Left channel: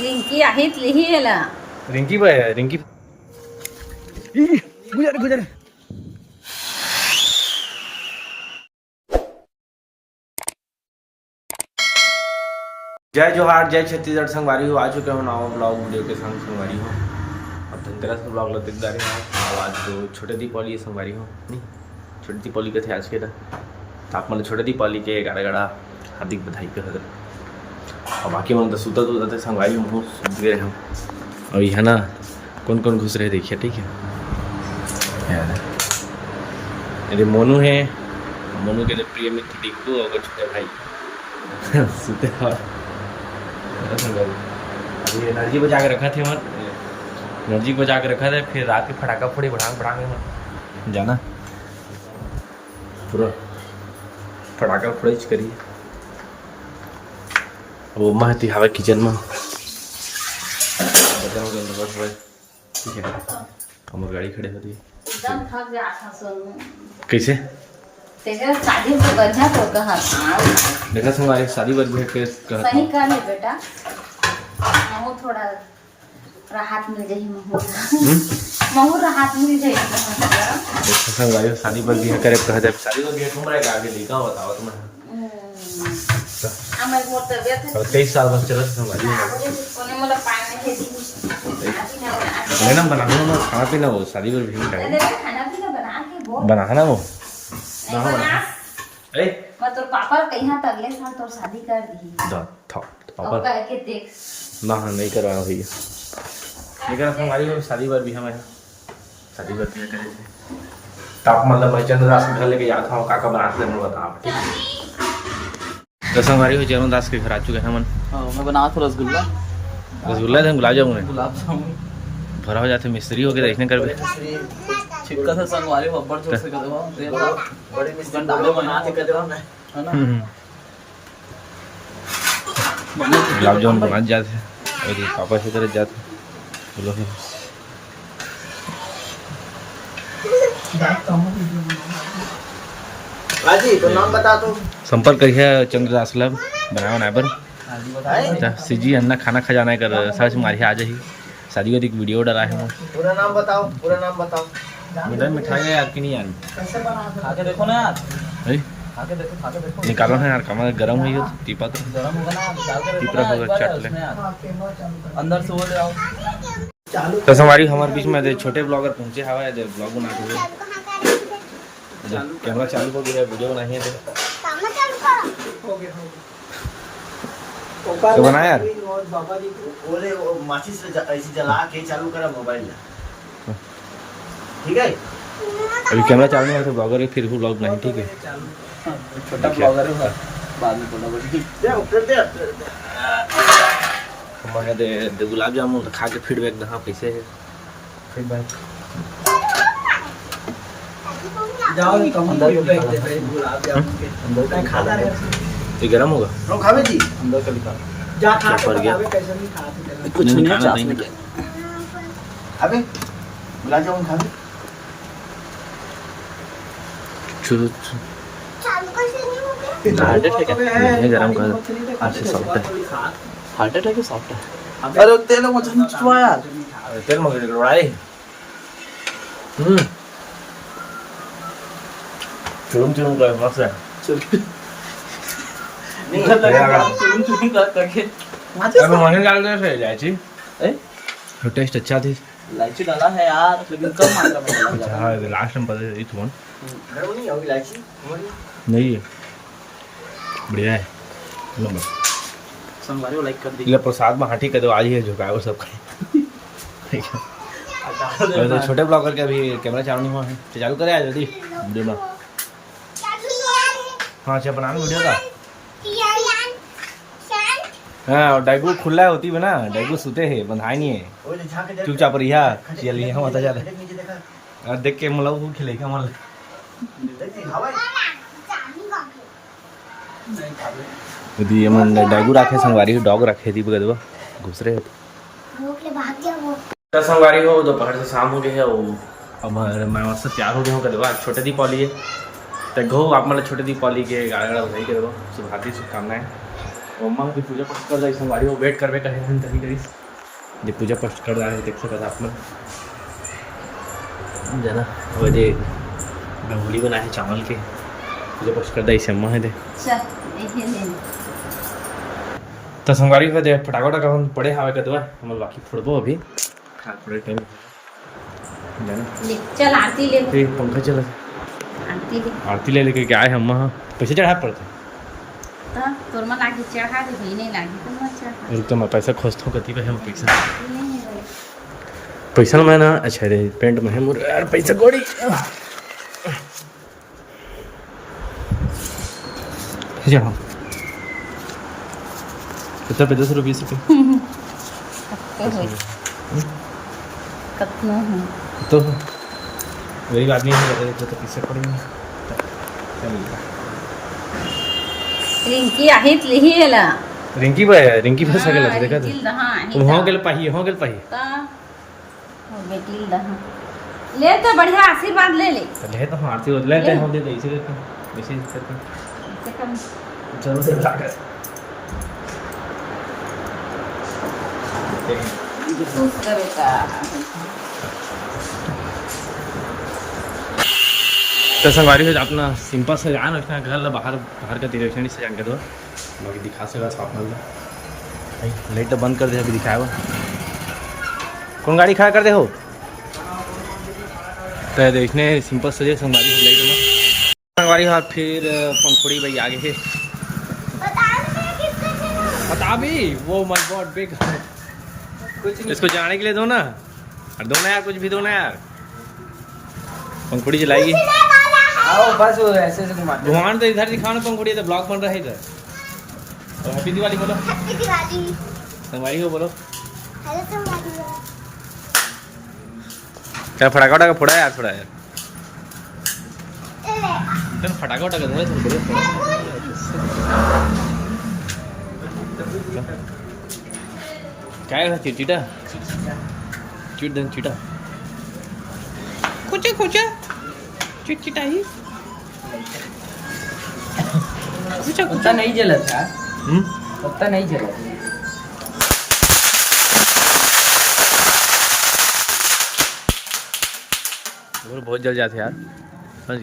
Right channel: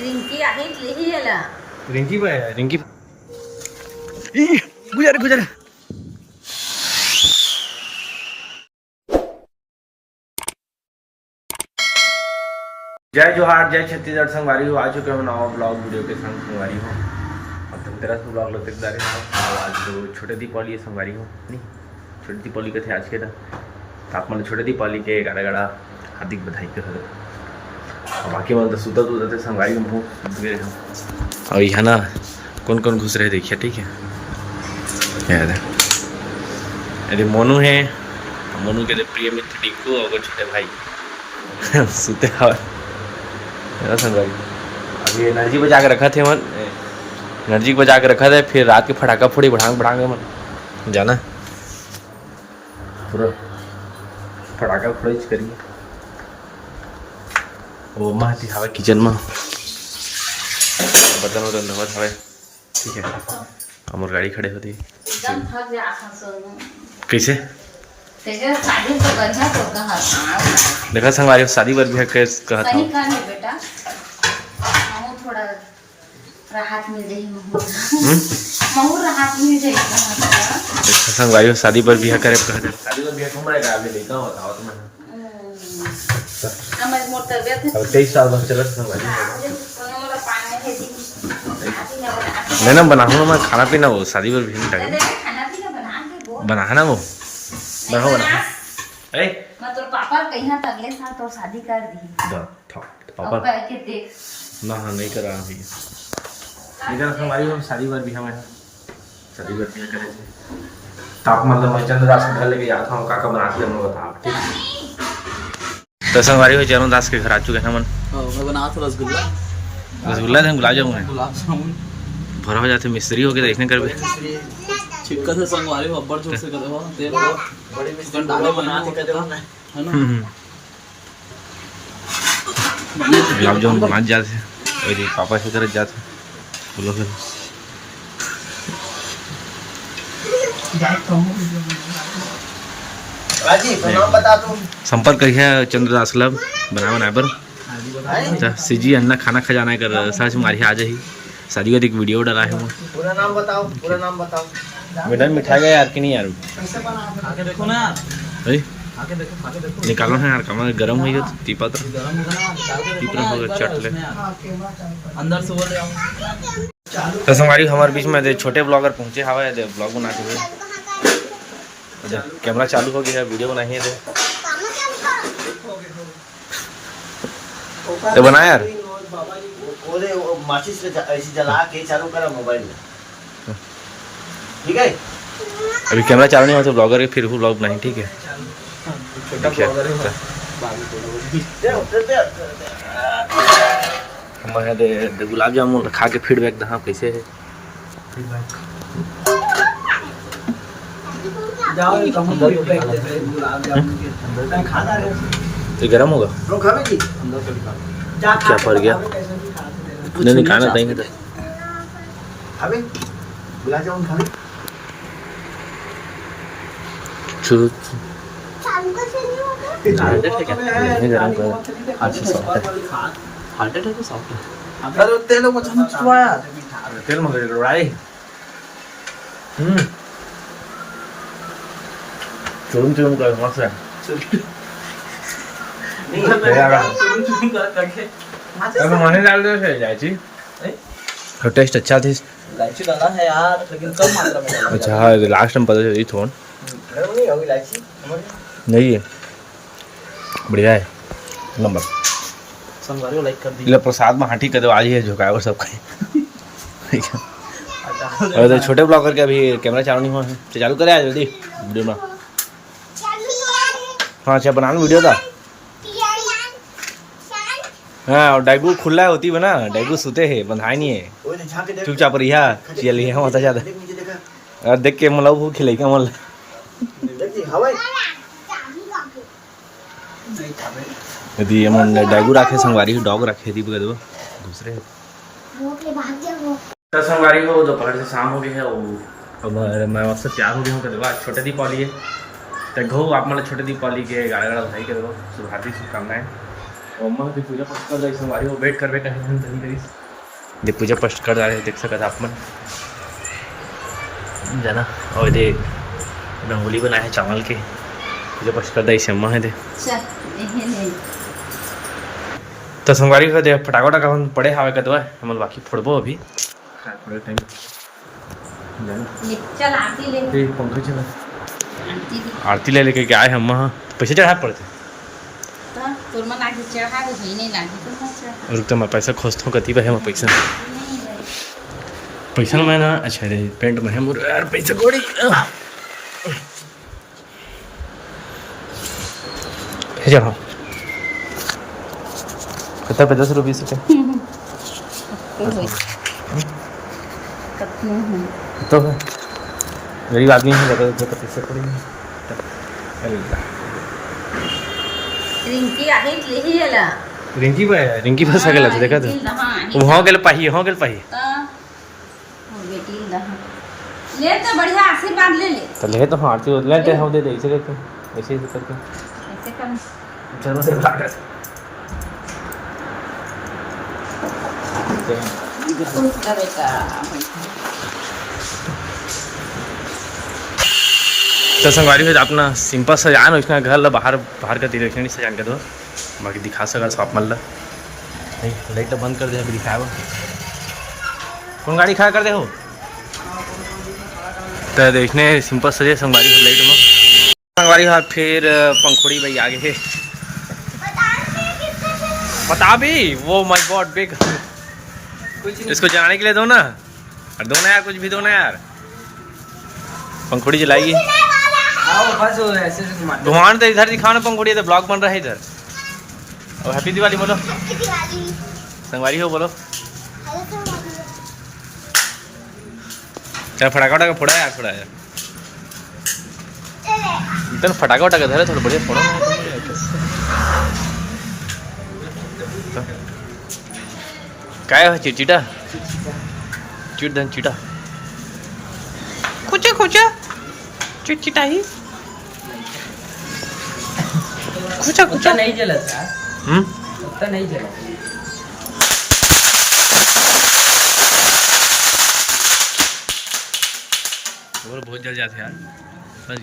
रिंकी आहेत लिहिला रिंकी बाय रिंकी गुजर गुजर जय जोहार जय छत्तीसगढ़ संगवारी हो। आ चुके हो नवा ब्लॉग वीडियो के संग संगवारी हो। अब धनतेरस में ब्लॉग लगते जा रहे हो और आज तो छोटे दीपावली संगवारी हो नहीं छोटी दीपावली के थे आज के तो आप मतलब छोटे दीपावली के गाड़ा गाड़ा हार्दिक बधाई के हद और बाकी मतलब सूता तो थे संगवारी में मुँह सूत गए रहे और यहाँ ना कौन कौन घुस रहे देखिए ठीक है यार अरे मोनू है मोनू के प्रिय मित्र टिक्कू और छोटे भाई सूते हवा संगवारी अभी एनर्जी बचा के रखा थे मन एनर्जी बचा के रखा था फिर रात के फटाका फोड़ी बढ़ा के मन जाना पूरा फटाका फोड़ी करिए वो महती हवा किचन में बर्तन वर्तन रखत हवे ठीक है हमार गाड़ी खड़े होती कैसे शादी तो बढ़िया होता है देखा संगवारी शादी बर भी कहता सही कर है बेटा महू थोड़ा राहत मिल जाए महू राहत मिल जाए देखा संगवारी शादी पर भी करे कहते शादी पर भी घूम रहे का आगे लड़का बताओ तुम्हें अब 23 साल बस चला संगवारी मैंने बनाऊँ मैं खाना पीना वो शादी पर भी बनाना वो बनाओ ए मैं तोर पापा कहिया त अगले साल तोर शादी कर दी पापा के देख ना नहीं करा हुई लेकिन हमारी शादी बार भी हमें शादी बार भी करे थे तब मतलब मैं चंद्रदास के घर लेके जाता हूँ काका बनाते हैं बता आप ठीक तो संगवारी हो चरणदास के घर आ चुके हैं मन मैं बना था रसगुल्ला थे गुलाब जामुन गुलाब जामुन भरा हो जाते मिस्त्री हो के देखने कर छिपका से संगवारी हो अब्बर जोर से करवा तेल का डाले बना के करवा है ना गुलाब जामुन बना जाते और पापा से कर जाते बोलो फिर राजी तो नाम बता तू संपर्क करिए चंद्रदास क्लब बनाए पर सीजी अन्ना खाना खजाना कर सर्च मारिए आ जाही शादी का एक वीडियो डाला है पूरा नाम बताओ मैडम मिठाई गया यार कि नहीं यार खा के देखो ना यार खा के देखो निकालो ना यार कमर गर्म हुई हो तीपा तो गरम होगा ना डाल के तीपरा होगा चट ले अंदर से वो आओ तो हमारी हमारे बीच में छोटे ब्लॉगर पहुंचे हवा है ब्लॉग बनाते हुए कैमरा चालू हो गया है वीडियो बनाइए दे तो बना यार ओरे माचिस से ऐसी जला के चालू करा मोबाइल में ठीक है अभी कैमरा चालू नहीं हुआ तो ब्लॉगर फिर वो ब्लॉग बनाए ठीक है मैं दे गुलाब जामुन खा के फीडबैक दहा कैसे है ये गरम होगा क्या पड़ गया नहीं खाना नहीं था गुलाब जामुन खावे नहीं गरम कर अच्छे सॉफ्ट है हार्ट अटैक है सॉफ्ट है अरे तेल मुझे छुड़वा यार तेल मगर कड़वाई चुरुम चुरुम कर मस्त है नहीं करके अबे महीने डाल दो से इलायची तो टेस्ट अच्छा थी इलायची डाला है यार लेकिन कम मात्रा में अच्छा हाँ लास्ट टाइम पता चली थोन नहीं होगी इलायची नहीं है बढ़िया है नंबर संगवारी को लाइक कर दी ले प्रसाद में हाथी कर दो आज ही झुकाए और सब खाए अरे तो छोटे ब्लॉगर के अभी कैमरा चालू नहीं हुआ है तो चालू करे आज जल्दी वीडियो में हाँ अच्छा बनाना वीडियो था हाँ और डाइगू खुला होती है ना डाइगू सुते है बंधाई नहीं है चुपचाप रहिया चल यहाँ होता ज्यादा और देख के मतलब वो खिलाई का मतलब यदि हम डाइगू रखे संगवारी डॉग रखे थी बगदवा घुस रहे तो संगवारी हो दोपहर से शाम हो गए है अब मैं मस्त तैयार हो गया हूँ कदवा छोटे दीपावली है तो घो आप मतलब छोटे दीपावली के गाड़ा गाड़ा बधाई के दवा शुभ हार्दिक शुभकामनाएं अम्मा की पूजा पाठ कर जाए संगवारी हो वेट करवे कहे हम कहीं करी जे पूजा पाठ कर जा रहे देख सकत आप मन जाना और दे रंगोली बनाए है चावल के पूजा पाठ कर दाई अम्मा है दे चल यही ले तो संगवारी हो दे फटाका टका हम पड़े हावे कदवा हमन बाकी फोड़बो अभी थोड़े टाइम जाना ले चल आरती ले ए पंखा चले आरती ले लेके आए हम वहाँ पैसे चढ़ा पड़ते तो तोर मन आगे चढ़ा दे होई नहीं लागी तो मत चढ़ा रुक तो मैं पैसा खोजता हूँ कति पे है मैं पैसा नहीं भाई पैसा मैं ना अच्छा रे पेंट में है मुर यार पैसा गोड़ी भेजा हाँ कितना पे 10 रुपये सके तो है गरीब आदमी है तो पैसा थोड़ी चल रिंकी आहेत लिही गेला रिंकी फंस गेला देखा तो वहाँ गेल पाही बेटी ले तो बढ़िया आशीर्वाद ले ले तो ले तो हाँ आरती ले ते हम दे दे ऐसे देते ऐसे ही करते ऐसे कर चलो दे लागत खुश रह बेटा तो संगवारी हो अपना सिंपल सजान उसका घर ला बाहर का डायरेक्शन सजान कर दो बाकी दिखा सका शॉप मन ला लाइट तो बंद कर दे अभी दिखावा कौन गाड़ी खड़ा कर दे हो तो देखने सिंपल सजे संगवारी हो लाइट में संगवारी हाथ फिर पंखुड़ी भाई आगे बता भी वो माय गॉड बिग इसको जलाने के लिए दो ना और दो ना यार कुछ भी दो ना यार पंखुड़ी जलाएगी धुआं तो इधर दिखाओ ना पंखुड़ी तो ब्लॉग बन रहा है इधर और हैप्पी दिवाली बोलो संगवारी हो बोलो क्या फटाका वटाका फोड़ा यार थोड़ा यार इतना फटाका वटाका धरे थोड़ा बढ़िया फोड़ो काय है चिटा चिट धन चिटा खुचा खुचा चिटचिटा ही खुचा खुचा नहीं जलत का पत्ता नहीं जलत और बहुत जल जाते यार समझ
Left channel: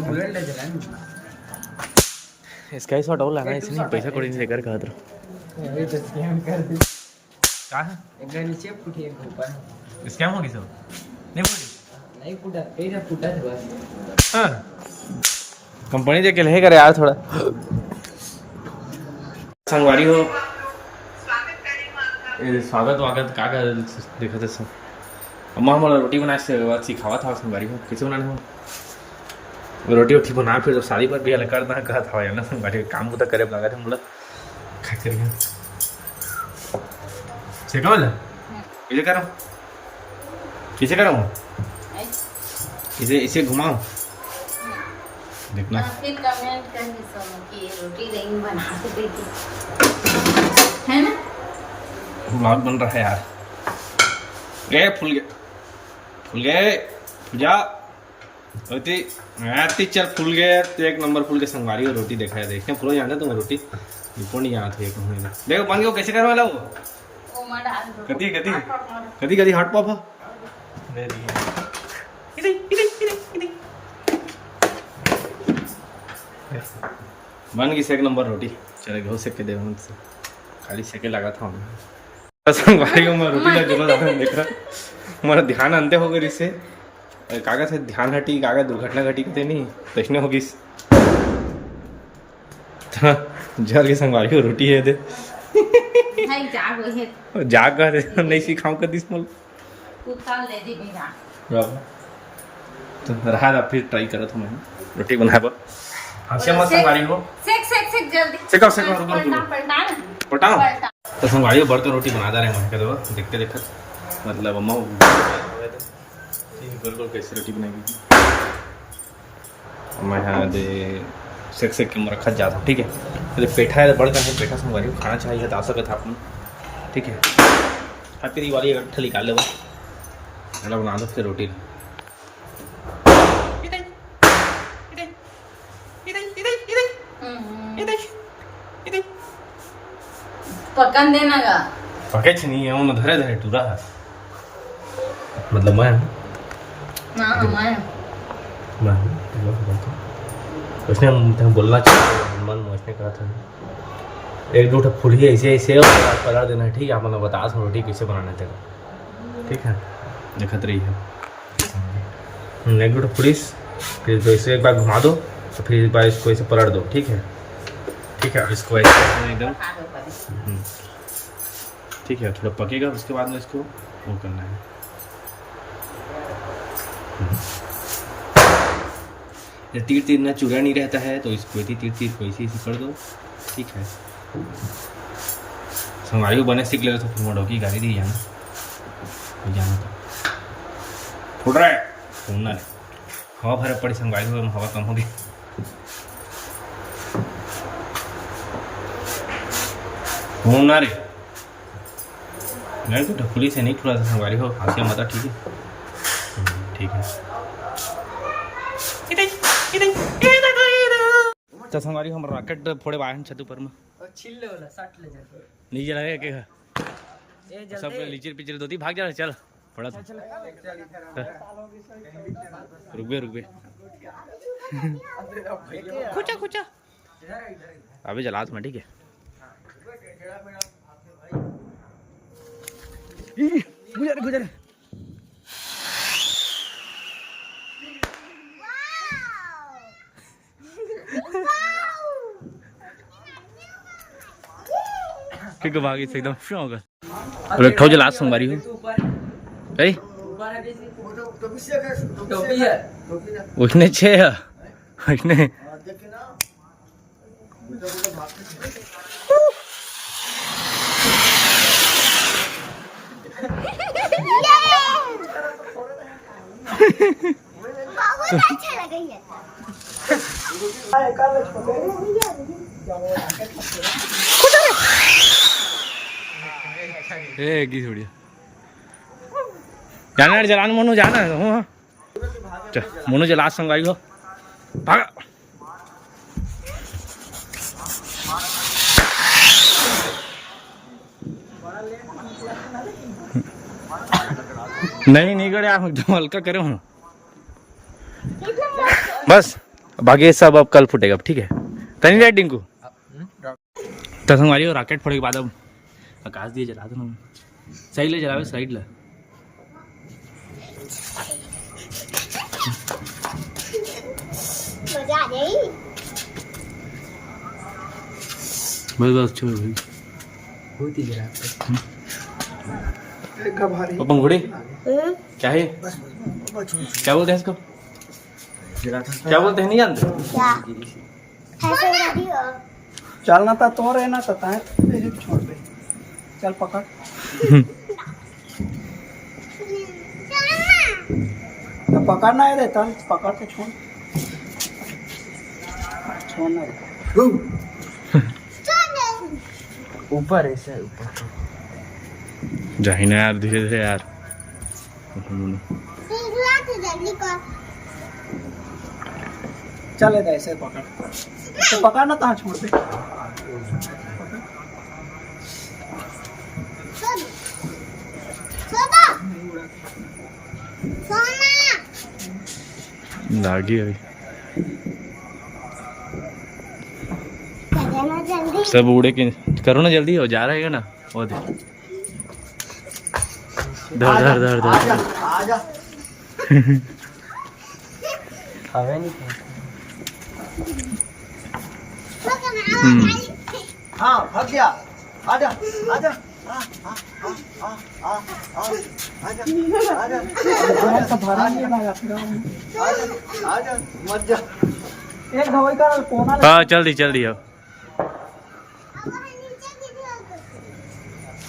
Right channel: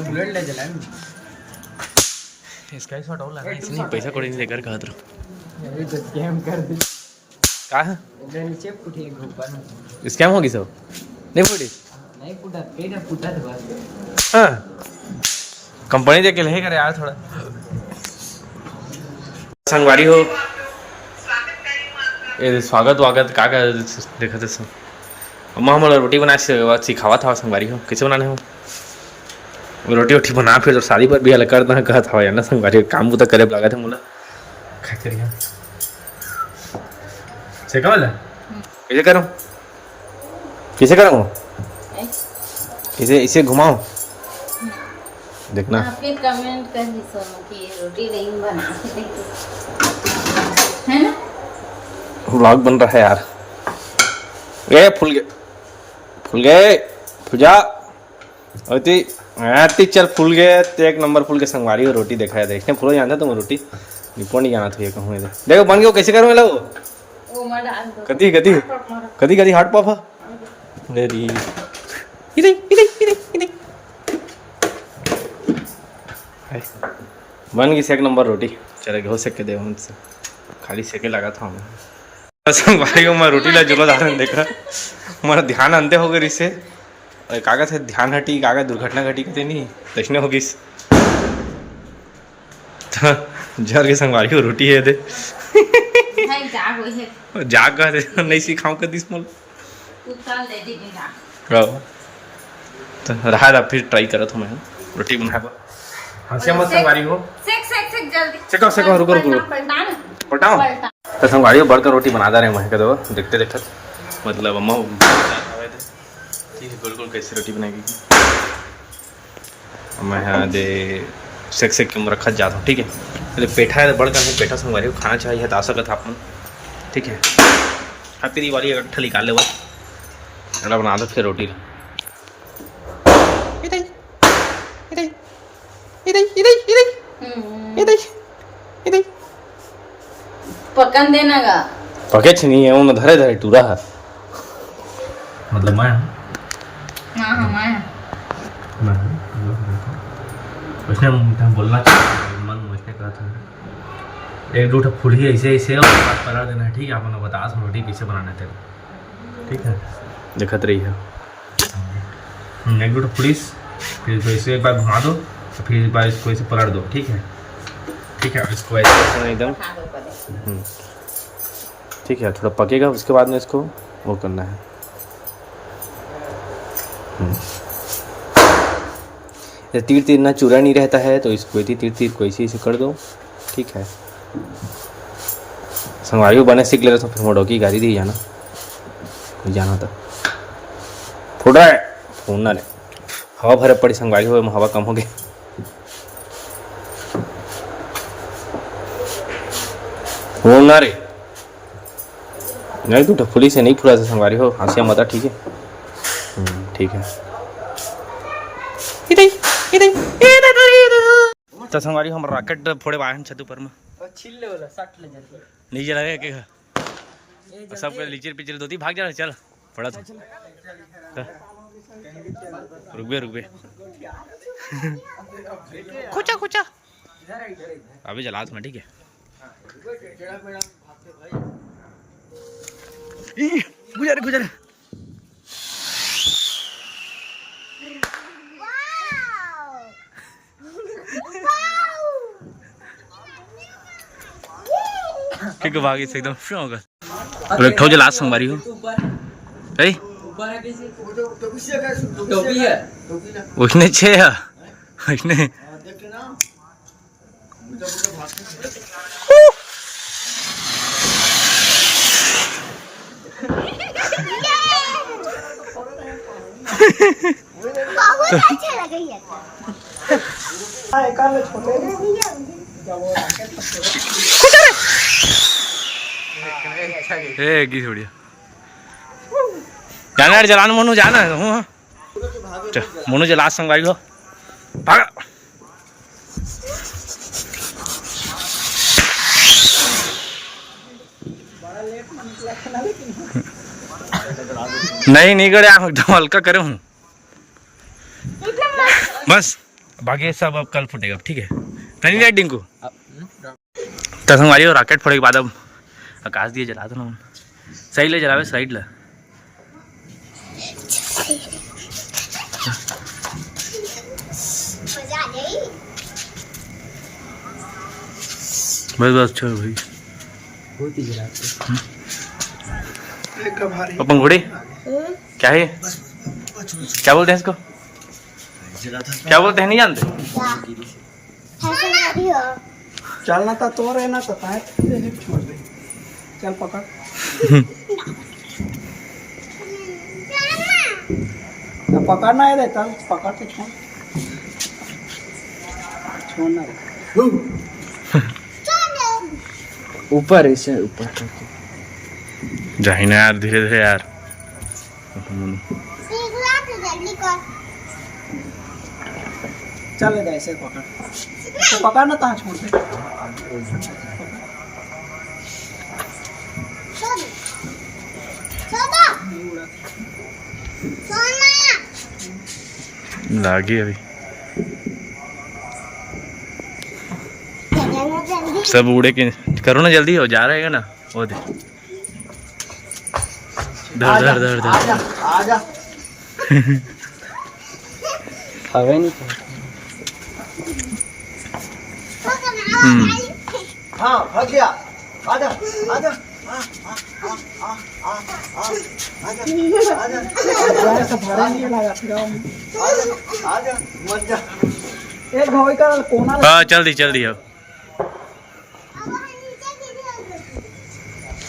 बुलेट ले जला इसका ही शॉट और लगा इसने पैसा कोड़ी नहीं देकर कहा तो ये तो स्कैम कर दी क्या है एक नीचे फुटी एक ऊपर स्कैम होगी सब नहीं फूटी नहीं फुटा पेट फुटा था बस हाँ कंपनी देख के नहीं करे यार थोड़ा संगवारी हो ये स्वागत का देखा थे सब अम्मा हमारा रोटी बना सिखावा था संगवारी हो कैसे बनाने हो रोटी वोटी बना फिर शादी पर भी अलग करना कहा था यार ना संगवारी काम तो करे लगा था मोला खा करिए से कम ला कैसे करो कैसे करो इसे घुमाओ देखना फिर कमेंट कर दी सब कि रोटी नहीं बना के देखिए है ना व्लॉग बन रहा है यार ये फूल गए पूजा अति चल फूल गए तो एक नंबर फूल के संगवारी और रोटी देखा है देखने फूल जानता तुम रोटी निपो नहीं जाना था ये कहूँ इधर देखो बन गया कैसे करो वो मर डाल दो कदी हट पापा मेरी बन गई एक नंबर रोटी चले घो सेक के दे उनसे खाली सेके लगा था हमें संगवारी को मैं रोटी ला जुला जा देखा हमारा ध्यान अंते हो गई इससे कागज है ध्यान हटी कागज दुर्घटना घटी कहते नहीं तैसने होगी जर के संगवारी को रोटी है दे जाग का नहीं सिखाऊं कर दिस मोल तो रहा फिर ट्राई करा था मैं रोटी बनाए पर हंसे मत संगवारी हो सेक रुको पलटाओ तो संगवारी हो बढ़कर रोटी बना रहे हैं कदो देखते देखते मतलब अम्मा गोल गोल कैसे रोटी बनाएगी मैं यहाँ दे सेक के रखा जाता हूँ ठीक है अरे पेठा है बड़का है पेठा संगवारी को खाना चाहिए तो आ सकता आप मन ठीक है हैप्पी दिवाली इकट्ठा निकाल ले बस अड़ा बना दो फिर रोटी पकन देना का पके नहीं है उन धरे धरे टूरा है मतलब मैं ना हमारा उसने तंग बोलना चाहिए मन मुझे कहा था एक दो फुड़ी ऐसे ऐसे और बात पलट देना ठीक है आप लोग बता दो रोटी कैसे बनाना है तेरे ठीक है दिखत रही है एक दो फुड़ीस फिर इसको ऐसे एक बार घुमा दो तो फिर एक बार इसको ऐसे पलट दो ठीक है इसको ऐसे एकदम ठीक है थोड़ा पकेगा उसके बाद में इसको वो करना है तीर तीर ना चूरा नहीं रहता है तो इसको तीर तीर को ऐसे कर दो ठीक है संगवारी बने सीख ले रहे तो फिर मोड़ो की गाड़ी दी जाना था फुट रहा है फोन ना ले हवा भरे पड़ी संगवारी हो हवा कम हो गई फोन ना रे नहीं तू ढकुली से नहीं फुला से संगवारी हो हंसिया मत ठीक है ठीक है तो संगवारी हम रॉकेट फोड़े बाहर छत ऊपर में नीचे लगे के सब लीचर पिचर दोती भाग जा चल पड़ा था रुक बे खुचा अभी जला मैं ठीक है गुजर क्योंकि भागी से एकदम फ्री होगा और एक ठो जो लास्ट संगवारी हो ए उसने छे है उसने की छोड़िया जाना यार जलान मोनू जाना है हूँ मोनू जला संगवारी हो भागा नहीं करे आप एकदम हल्का करे हूँ बस बाकी सब अब कल फूटेगा ठीक है कहीं लाइट डिंकू तो संगवारी हो रॉकेट फोड़े के बाद अब आकाश दिए जला दो ना सही ले जलावे साइड ले बस छोड़ भाई बहुत ही जलाते अपन घोड़े क्या है क्या बोलते हैं इसको क्या बोलते हैं नहीं जानते चलना था तो रहना था छोड़ दे चल पकड़ तो पकड़ना है देता पकड़ के छोड़ना ऊपर ऐसे ऊपर जाहिना यार धीरे धीरे यार चले ऐसे पकड़ तो पकड़ना था छोड़ दे लागी अभी सब उड़े के करो ना जल्दी हो जा रहेगा ना वो दे धर आजा हवे नहीं हाँ भाग गया आजा आजा आजा मत जा एक भवे का कोना हाँ चल दी अब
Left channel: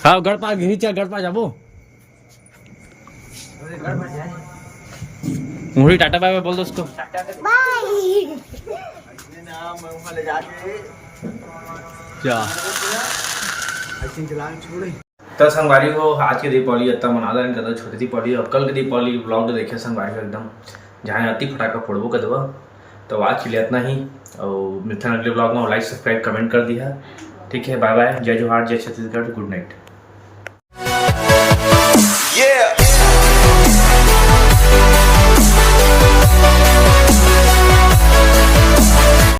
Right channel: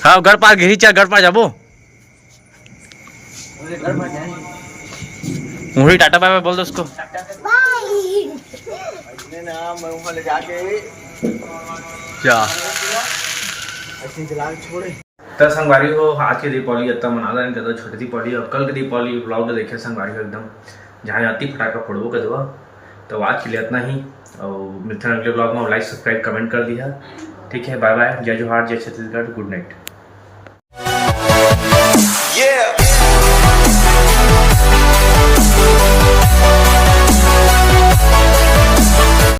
हाँ घर पार घिरी चा घर पार जाबो मुड़ी टाटा बाय बाय बोल दो उसको ले जाके क्या तो संगवारी हो आज की दीपावली इतना मनादा नहीं करता छोटी दीपावली और कल की दीपावली ब्लॉग देखे संगवारी हो एकदम जहाँ आती फटाका फोड़बो कर दो तो आज के लिए इतना ही और मिलते हैं अगले ब्लॉग में लाइक सब्सक्राइब कमेंट कर दिया ठीक है, बाय बाय, जय जोहार, जय छत्तीसगढ़, गुड नाइट। Yeah.